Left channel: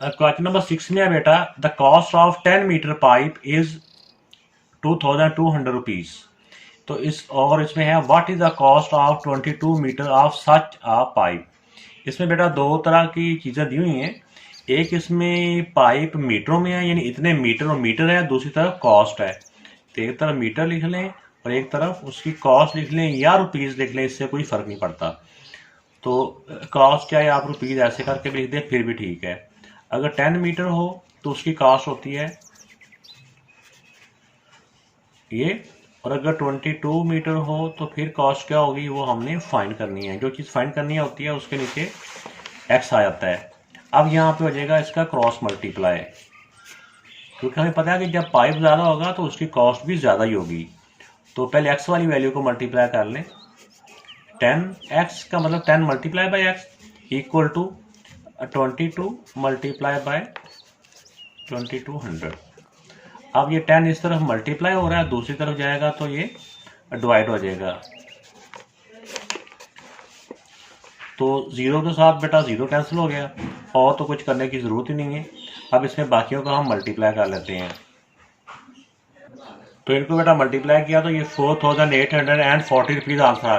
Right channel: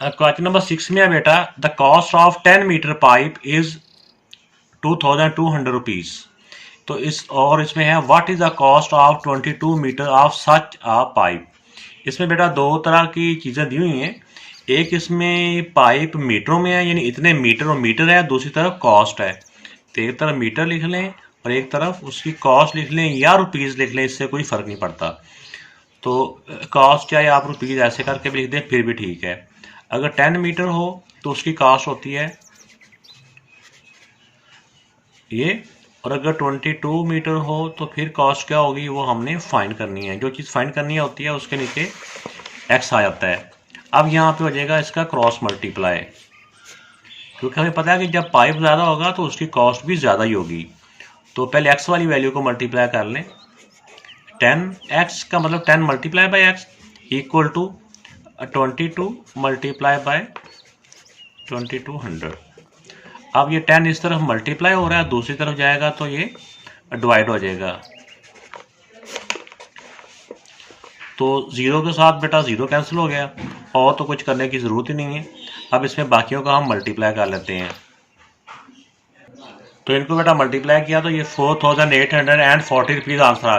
Question number 6 में है बेटा, the cost of 10 metre pipe is 2200 rupees. तो इसमें है what is the cost of 22 metre of such a pipe. इसमें बेटा दो तरह की चीज़ें दी हुई हैं। एक इसमें पाइप मीटरों में है, यानी इतने मीटर और मीटर है, दूसरी तरफ कॉस्ट है। तो एक तरफ मीटर लिख लें और एक तरफ उसकी कॉस्ट लिख लें या रुपीज़ लिख लें, इससे कोई फ़र्क नहीं पड़ता। तो कॉस्ट चाहे आप रुपीज़ ऐसे करके भी लिख दें फिर भी ठीक है। अगर 10 मीटर हो तो उसकी कॉस्ट होती है ये, और अगर 22 मीटर हो तो फिर कॉस्ट क्या होगी वो हमने फाइंड करनी है। जो चीज़ फाइंड करनी होती है उसके नीचे एक्स आ जाता है। अब यहाँ पे हो जाएगा इसका क्रॉस मल्टीप्लाई, क्योंकि हमें पता है कि जब पाइप ज़्यादा होगा तो उसकी कॉस्ट भी ज़्यादा ही होगी। तो पहले एक्स वाली वैल्यू को मल्टीप्लाई कर लें। 10x का मतलब 10 multiply by x equal to 22 multiply by 2200। अब ये 10 इस तरफ मल्टीप्लाई हो रहा है, दूसरी तरफ जाएगा तो ये डिवाइड हो जाएगा। तो ज़ीरो के साथ बेटा ज़ीरो कैंसिल हो गया और तो कुछ करने की ज़रूरत ही नहीं है। अब इसमें बाकियों का हम मल्टीप्लाई कर लेते हैं। तो इनको बेटा मल्टीप्लाई किया तो ये 4840 रुपीज़ आंसर आ गया।